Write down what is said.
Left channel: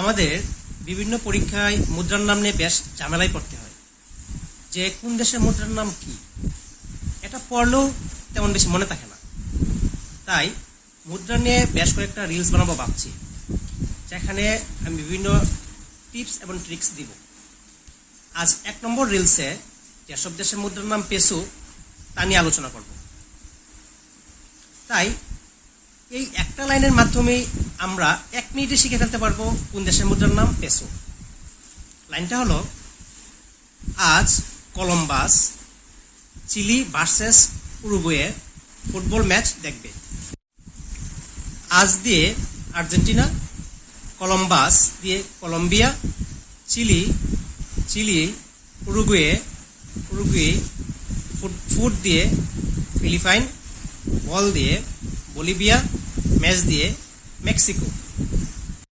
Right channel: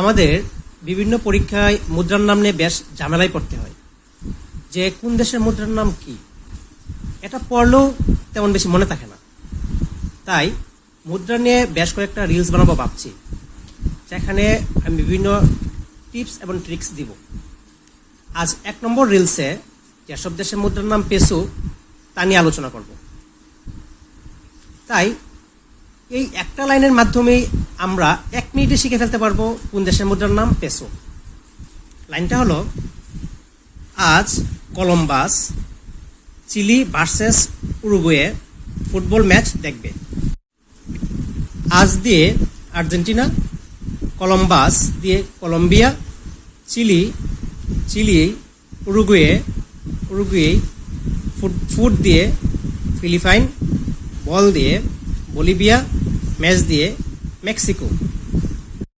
আমাদের বিভিন্ন পরীক্ষায় মুদ্রার নাম নিয়ে বেশ ঝামেলায় পড়তে হয়। যে কোন দেশের মুদ্রার নাম কি, এটা পড়লেও তেমন বেশি মনে থাকে না। তাই মুদ্রা নিয়ে বেশ কয়েকটা রিলস বানাবো ভাবছি, যেখানে আমি বিভিন্ন টিপস এবং ট্রিক্স দিব। আজ এক নম্বর রিলসে যেসব দেশের মুদ্রার নাম পেসো তা নিয়ে আলোচনা করব। তাই এই একটা লাইনের মাধ্যমেই আমরা মিনিটে শিখে ফেলতে পারব। কোন দেশের মুদ্রার নাম? পেসো। লাইনটা হলো, আজ Columbus, Chile versus Uruguay football match দেখবে। আজ দিয়ে আর্জেন্টিনা, কলম্বাস দিয়ে Colombia, Chile Chile, Uruguay Uruguay foot foot দিয়ে ফিলিপাইন, বল দিয়ে বলিভিয়া, ম্যাচ দিয়ে মেক্সিকো।